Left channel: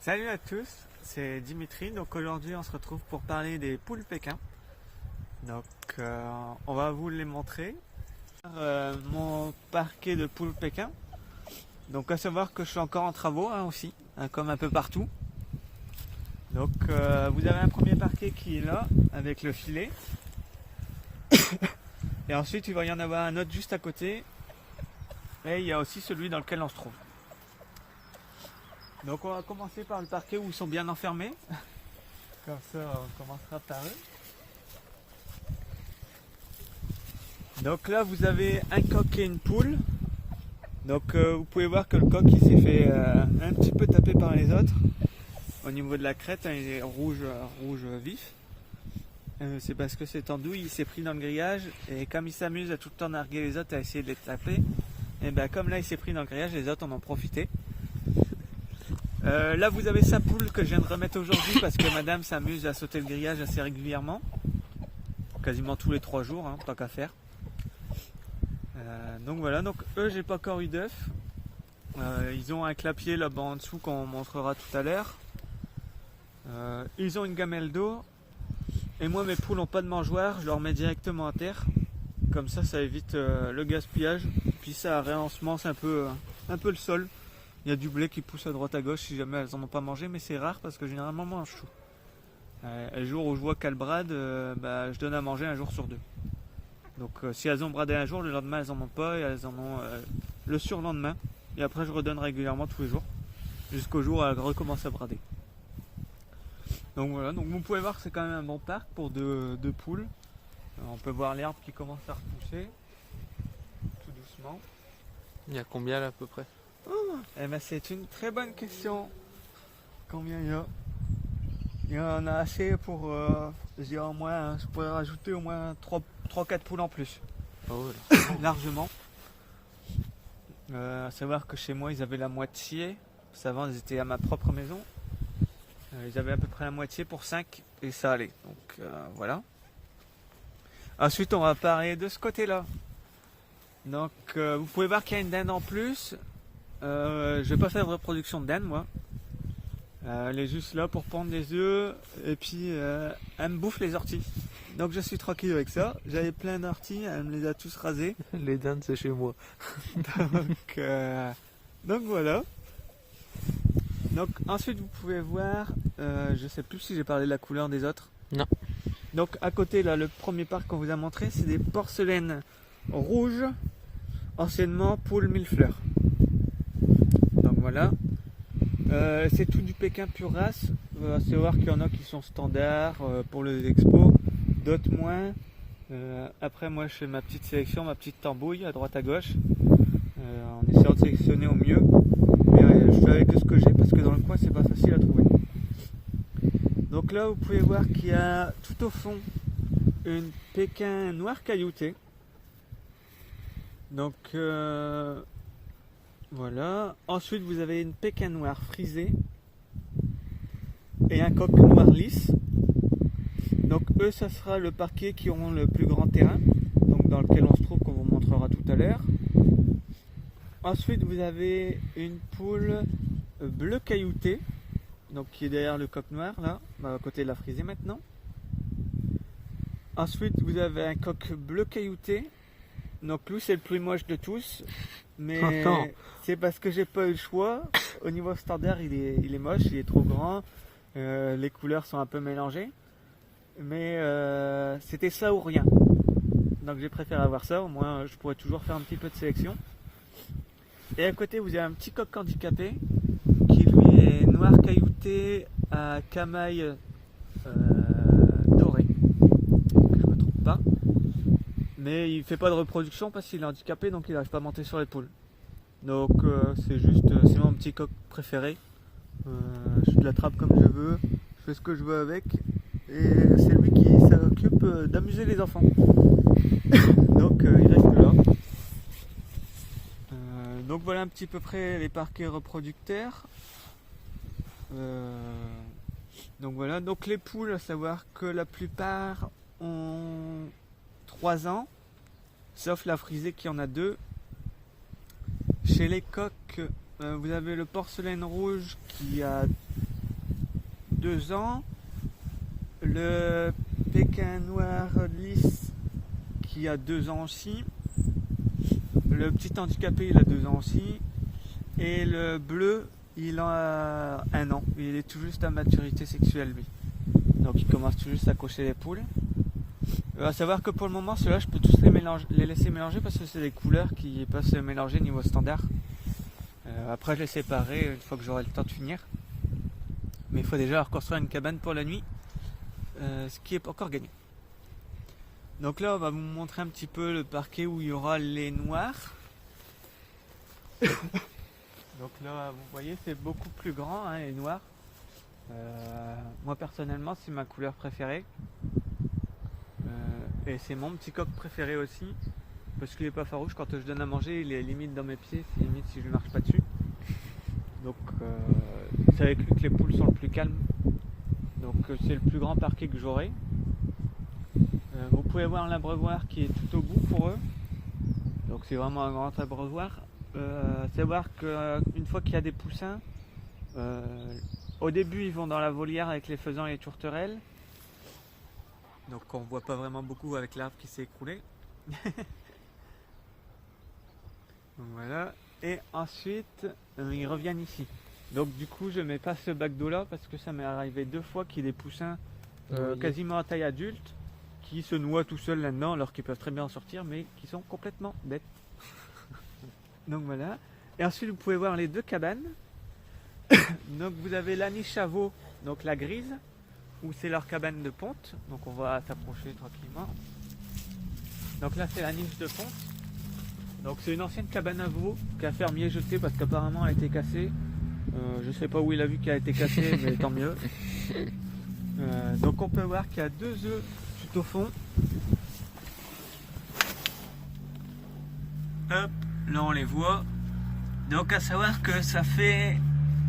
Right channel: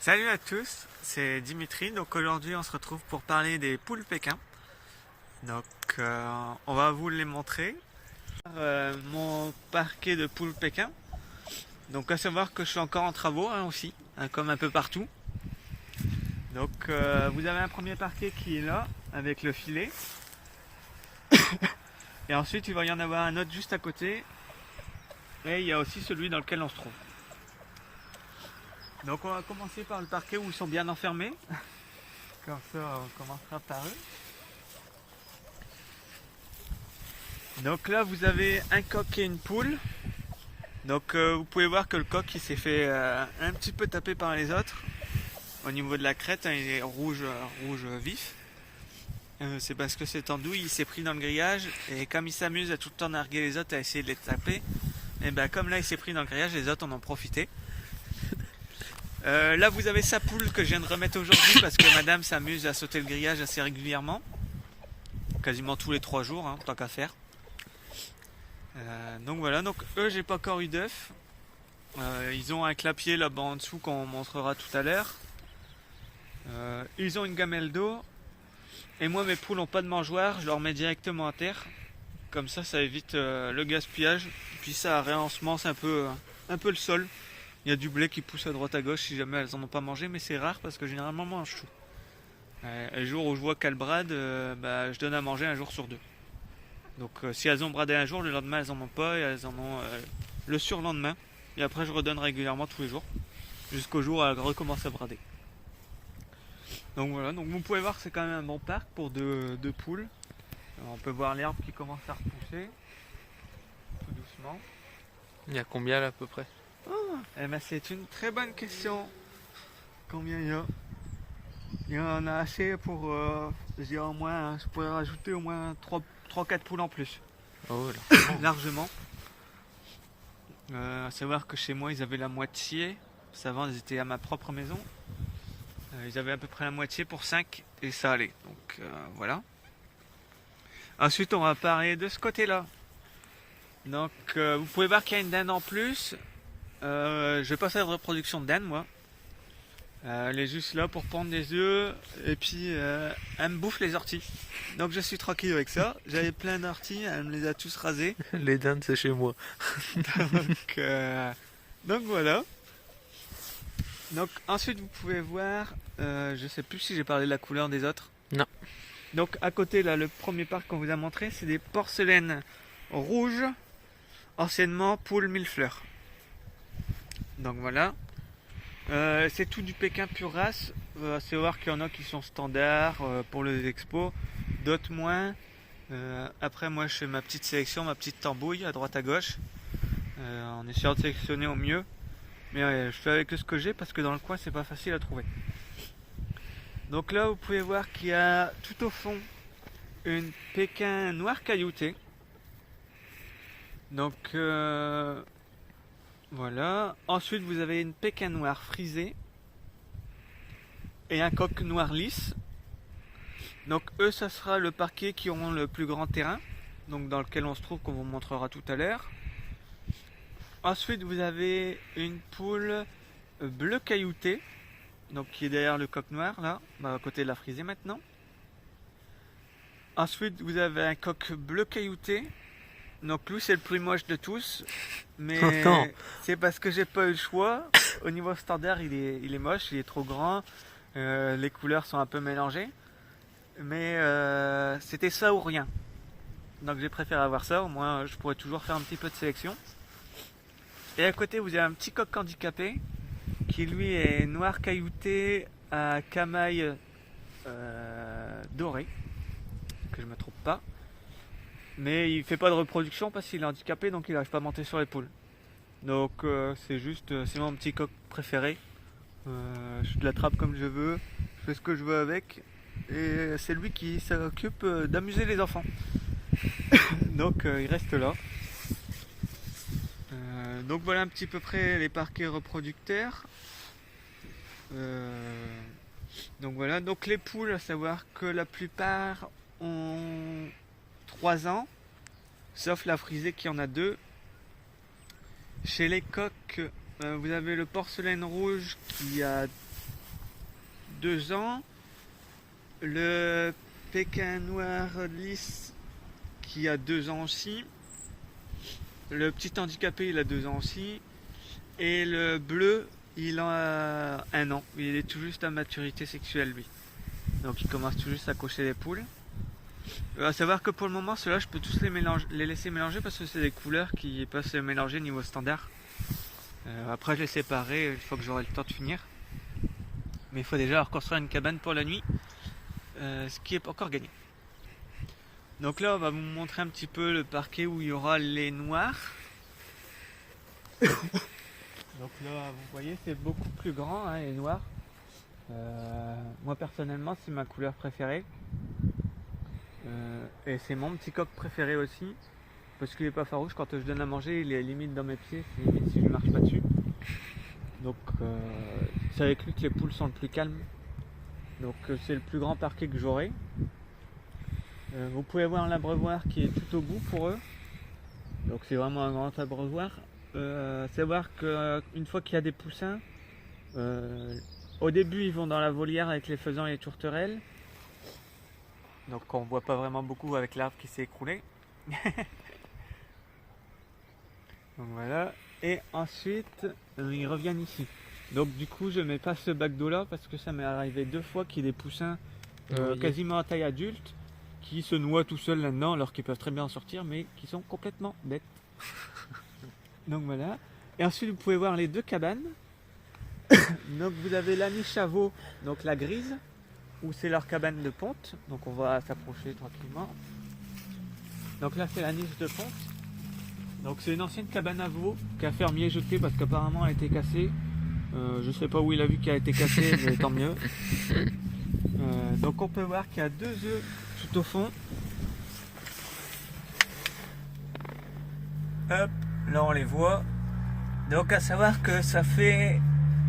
Salut à tous, c'est Dimitri. Donc aujourd'hui, on se retrouve pour parler des poules Pékin. Donc on va vous les montrer. Mon parquet de poules Pékin. Donc à savoir que je suis encore en travaux aussi, comme un peu partout. Donc vous avez un premier parquet qui est là avec le filet. Et ensuite il va y en avoir un autre juste à côté. Et il y a aussi celui dans lequel on se trouve. Donc on va commencer par le parquet où ils sont bien enfermés. Comme ça on commencera par eux. Donc là vous avez un coq et une poule. Donc vous pouvez voir que le coq il s'est fait un petit peu taper par les autres. Au niveau de la crête, il est rouge vif. C'est parce que cette andouille il s'est pris dans le grillage et comme il s'amuse à tout le temps narguer les autres à essayer de les taper, et ben comme là il s'est pris dans le grillage, les autres en ont profité. Là vous avez sa poule que je viens de remettre aujourd'hui parce que madame s'amuse à sauter le grillage assez régulièrement. Quasiment tous les 3 jours, tant qu'à faire. Donc voilà, donc eux j'ai pas encore eu d'œufs. Ils ont un clapier là-bas en dessous qu'on montrera tout à l'heure. Ils ont une gamelle d'eau. Et moi mes poules n'ont pas de mangeoire, je leur mets directement à terre. Comme ça évite le gaspillage. Puis ça réensemence un peu le sol. Il y a du blé qui pousse à droite à gauche si jamais elles en ont pas mangé, mais c'est rare parce que généralement moi je mange tout. Le jour où je vois qu'elles bradent, je donne à manger un jour sur 2. Donc si elles ont bradé un jour, le lendemain elles en ont pas et elles en ont le surlendemain. Et après je redonne régulièrement tous les jours. Jusqu'au jour où elles recommencent à brader. Donc voilà, donc vous pouvez voir que c'est quand même un bon parc pour deux poules. On peut voir l'herbe qui commence à repousser. Tout doucement. Il y a combien là à peu près? C'est une très bonne question. Combien il y a? Il y en a assez pour, je dirais au moins, je pourrais rajouter au moins 3-4 poules en plus. Oh là. Largement. À savoir que chez moi ils avaient la moitié. Avant ils étaient à ma propre maison. Ils avaient à peu près la moitié pour 5 et ça allait. Donc voilà. Ensuite on va parler de ce côté là. Donc vous pouvez voir qu'il y a une dinde en plus. Je vais pas faire de reproduction de dinde moi. Elle est juste là pour pondre des œufs et puis elle me bouffe les orties. Donc je suis tranquille avec ça. J'avais plein d'orties, elle me les a tous rasées. Les dindes c'est chez moi. donc voilà. Donc ensuite vous pouvez voir, je sais plus si j'ai parlé de la couleur des autres. Non. Donc à côté là, le premier parc qu'on vous a montré, c'est des porcelaines rouges, anciennement poules mille fleurs. Donc voilà. C'est tout du Pékin pure race. C'est voir qu'il y en a qui sont standards pour les expos, d'autres moins. Après moi je fais ma petite sélection, ma petite tambouille à droite à gauche, en essayant de sélectionner au mieux. Mais je fais avec ce que j'ai parce que dans le coin c'est pas facile à trouver. Donc là vous pouvez voir qu'il y a tout au fond une Pékin noire cailloutée. Donc voilà. Ensuite vous avez une Pékin noire frisée et un coq noir lisse. Donc eux ça sera le parquet qui auront le plus grand terrain, donc dans lequel on se trouve qu'on vous montrera tout à l'heure. Ensuite vous avez une poule bleu caillouté, donc qui est derrière le coq noir là, à côté de la frisée maintenant. Ensuite vous avez un coq bleu caillouté. Donc lui c'est le plus moche de tous, mais c'est parce que j'ai pas eu le choix. Au niveau standard il est moche, il est trop grand, les couleurs sont un peu mélangées, mais c'était ça ou rien. Donc j'ai préféré avoir ça, au moins je pourrais toujours faire un petit peu de sélection. Et à côté vous avez un petit coq handicapé qui lui est noir caillouté à camaille doré, que je me trompe pas. Mais il fait pas de reproduction parce qu'il est handicapé, donc il n'arrive pas à monter sur les poules. Donc c'est mon petit coq préféré. Je l'attrape comme je veux, je fais ce que je veux avec. Et c'est lui qui s'occupe d'amuser les enfants. Donc il reste là. Donc voilà un petit peu près les parquets reproducteurs. Donc voilà, donc les poules, à savoir que la plupart ont 3 ans, sauf la frisée qui en a 2. Chez les coqs, vous avez le porcelaine rouge qui a 2 ans. Le Pékin noir lisse qui a 2 ans aussi. Le petit handicapé, il a 2 ans aussi. Et le bleu, il a 1 an. Il est tout juste à maturité sexuelle, lui. Donc il commence tout juste à cocher les poules. À savoir que pour le moment, ceux-là, je peux tous les laisser mélanger parce que c'est des couleurs qui peuvent se mélanger niveau standard. Après, je les séparerai une fois que j'aurai le temps de finir. Mais il faut déjà reconstruire une cabane pour la nuit, ce qui n'est pas encore gagné. Donc là, on va vous montrer un petit peu le parquet où il y aura les noirs. Donc là, vous voyez, c'est beaucoup plus grand, hein, les noirs. Moi, personnellement, c'est ma couleur préférée. Et c'est mon petit coq préféré aussi. Parce qu'il n'est pas farouche. Quand je donne à manger, il est limite dans mes pieds. C'est limite si je ne marche pas dessus. Donc, c'est avec lui que les poules sont le plus calmes. Donc, c'est le plus grand parquet que j'aurai. Vous pouvez voir l'abreuvoir qui est tout au bout pour eux. Donc c'est vraiment un grand abreuvoir. Savoir qu'une fois qu'il y a des poussins, au début ils vont dans la volière avec les faisans et les tourterelles. Donc on voit pas vraiment beaucoup avec l'arbre qui s'est écroulé. Donc voilà. Et ensuite ils reviennent ici. Donc du coup je mets pas ce bac d'eau là parce que ça m'est arrivé 2 fois qu'il y ait des poussins quasiment à taille adulte qui se noient tout seuls là-dedans alors qu'ils peuvent très bien en sortir mais qui sont complètement bêtes. Donc voilà. Et ensuite vous pouvez voir les 2 cabanes. Donc vous avez la niche à veau, donc la grise, où c'est leur cabane de ponte. Donc on va s'approcher tranquillement. Donc là c'est la niche de ponte. Donc c'est une ancienne cabane à veau qu'un fermier jeté parce qu'apparemment elle a été cassée. Je sais pas où il a vu qu'elle a été cassée, mais tant mieux. Donc on peut voir qu'il y a 2 œufs tout au fond. Hop, là on les voit. Donc à savoir que ça fait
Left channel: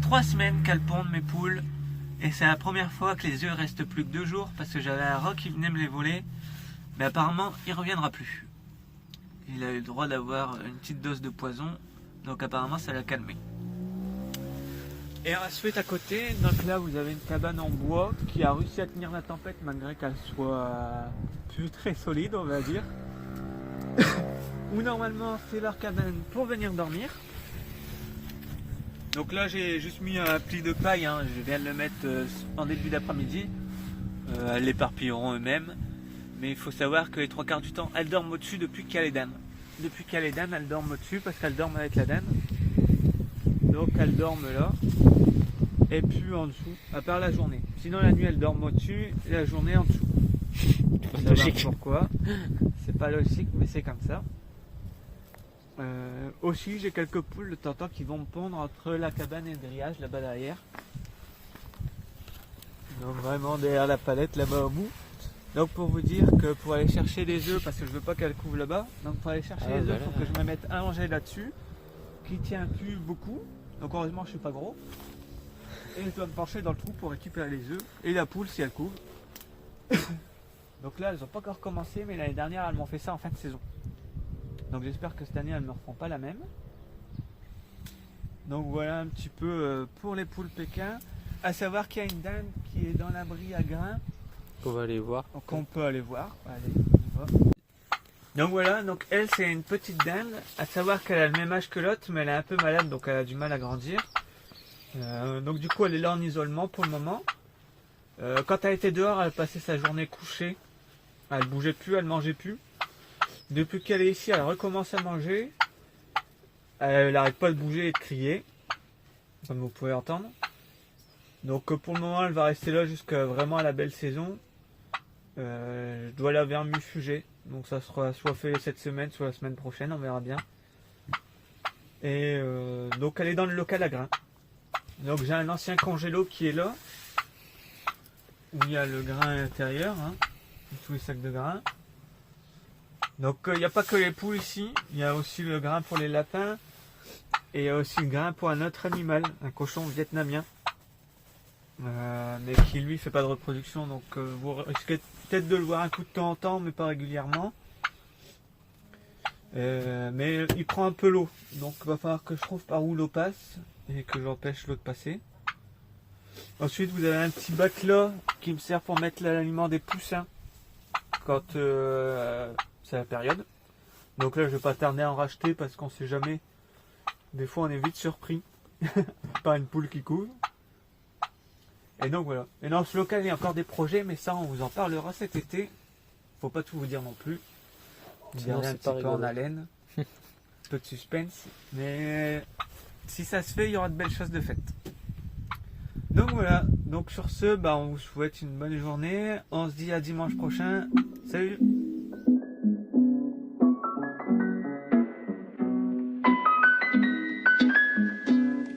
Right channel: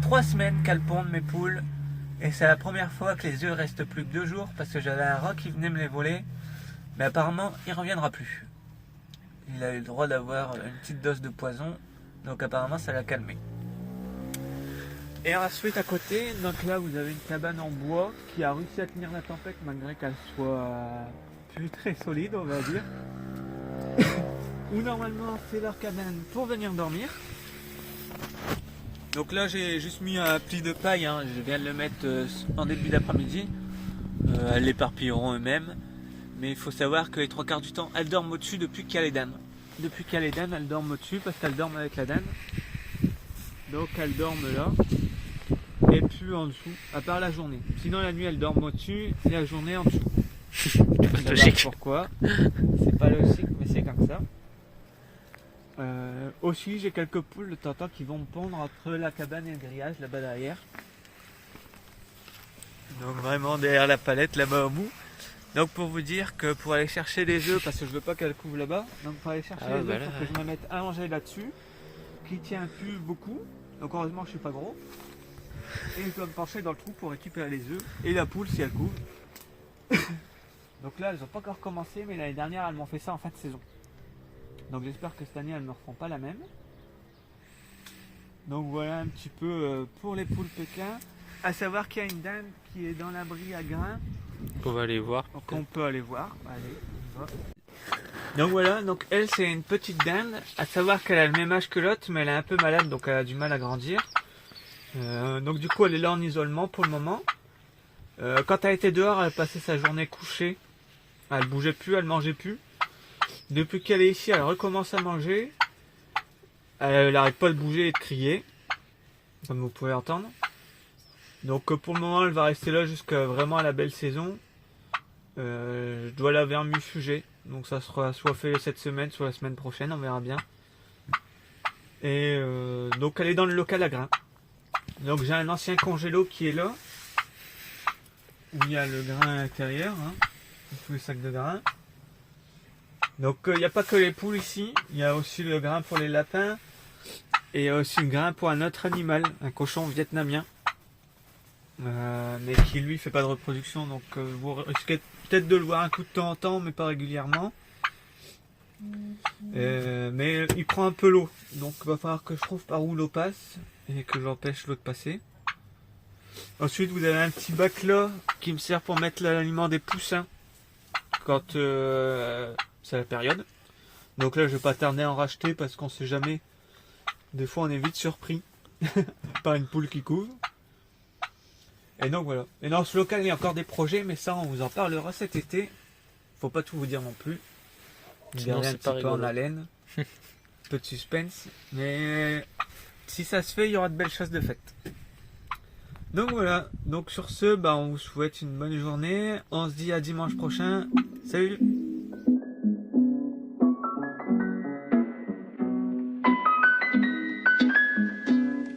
3 semaines qu'elles pondent mes poules. Et c'est la première fois que les œufs restent plus que 2 jours parce que j'avais un rat qui venait me les voler. Mais apparemment il reviendra plus. Il a eu le droit d'avoir une petite dose de poison. Donc apparemment ça l'a calmé. Et ensuite à côté, donc là vous avez une cabane en bois qui a réussi à tenir la tempête malgré qu'elle soit plus très solide on va dire. Où normalement c'est leur cabane pour venir dormir. Donc là j'ai juste mis un pli de paille, hein. Je viens de le mettre en début d'après-midi. Elles l'éparpilleront eux-mêmes. Mais il faut savoir que les 3 quarts du temps elles dorment au-dessus depuis qu'il y a les dames. Depuis qu'il y a les dames elles dorment au-dessus parce qu'elles dorment avec la dame. Donc elles dorment là. Et plus en dessous, à part la journée. Sinon la nuit elles dorment au-dessus et la journée en dessous. C'est pas logique. Pourquoi? C'est pas logique mais c'est comme ça. Aussi j'ai quelques poules de temps qui vont me pondre entre la cabane et le grillage là-bas derrière. Donc vraiment derrière la palette là-bas au bout. Donc pour vous dire que pour aller chercher les œufs, parce que je veux pas qu'elles couvrent là-bas, donc pour aller chercher les œufs, il faut que je me mette allongé là-dessus, qui tient plus beaucoup. Donc heureusement je suis pas gros. Et je dois me pencher dans le trou pour récupérer les œufs et la poule si elle couvre. Donc là elles n'ont pas encore commencé, mais l'année dernière elles m'ont fait ça en fin de saison. Donc j'espère que cette année elles ne me refont pas la même. Donc voilà un petit peu pour les poules Pékin. À savoir qu'il y a une dinde qui est dans l'abri à grains. On va aller voir. Donc on peut aller voir. Allez, on y va. Donc voilà, donc elle c'est une petite dinde. À savoir qu'elle a le même âge que l'autre, mais elle est un peu malade, donc elle a du mal à grandir. Donc du coup elle est là en isolement pour le moment. Quand elle était dehors, elle passait sa journée couchée. Elle bougeait plus, elle mangeait plus. Depuis qu'elle est ici, elle recommence à manger. Elle n'arrête pas de bouger et de crier, comme vous pouvez entendre. Donc pour le moment, elle va rester là jusqu'à vraiment la belle saison. Je dois la vermifuger. Donc ça sera soit fait cette semaine, soit la semaine prochaine, on verra bien. Et donc elle est dans le local à grains. Donc j'ai un ancien congélo qui est là. Où il y a le grain intérieur, hein, tous les sacs de grains. Donc il n'y a pas que les poules ici, il y a aussi le grain pour les lapins et il y a aussi le grain pour un autre animal, un cochon vietnamien, mais qui lui fait pas de reproduction, donc vous risquez peut-être de le voir un coup de temps en temps, mais pas régulièrement. Mais il prend un peu l'eau, donc il va falloir que je trouve par où l'eau passe et que j'empêche l'eau de passer. Ensuite, vous avez un petit bac là qui me sert pour mettre l'aliment des poussins quand c'est la période. Donc là, je vais pas tarder à en racheter parce qu'on sait jamais. Des fois, on est vite surpris par une poule qui couvre. Et donc voilà. Et dans ce local, il y a encore des projets, mais ça, on vous en parlera cet été. Faut pas tout vous dire non plus. Sinon, Garder un c'est petit pas peu rigolo. en haleine. Peu de suspense. Mais si ça se fait, il y aura de belles choses de faites. Donc voilà. Donc sur ce, on vous souhaite une bonne journée. On se dit à dimanche prochain. Salut!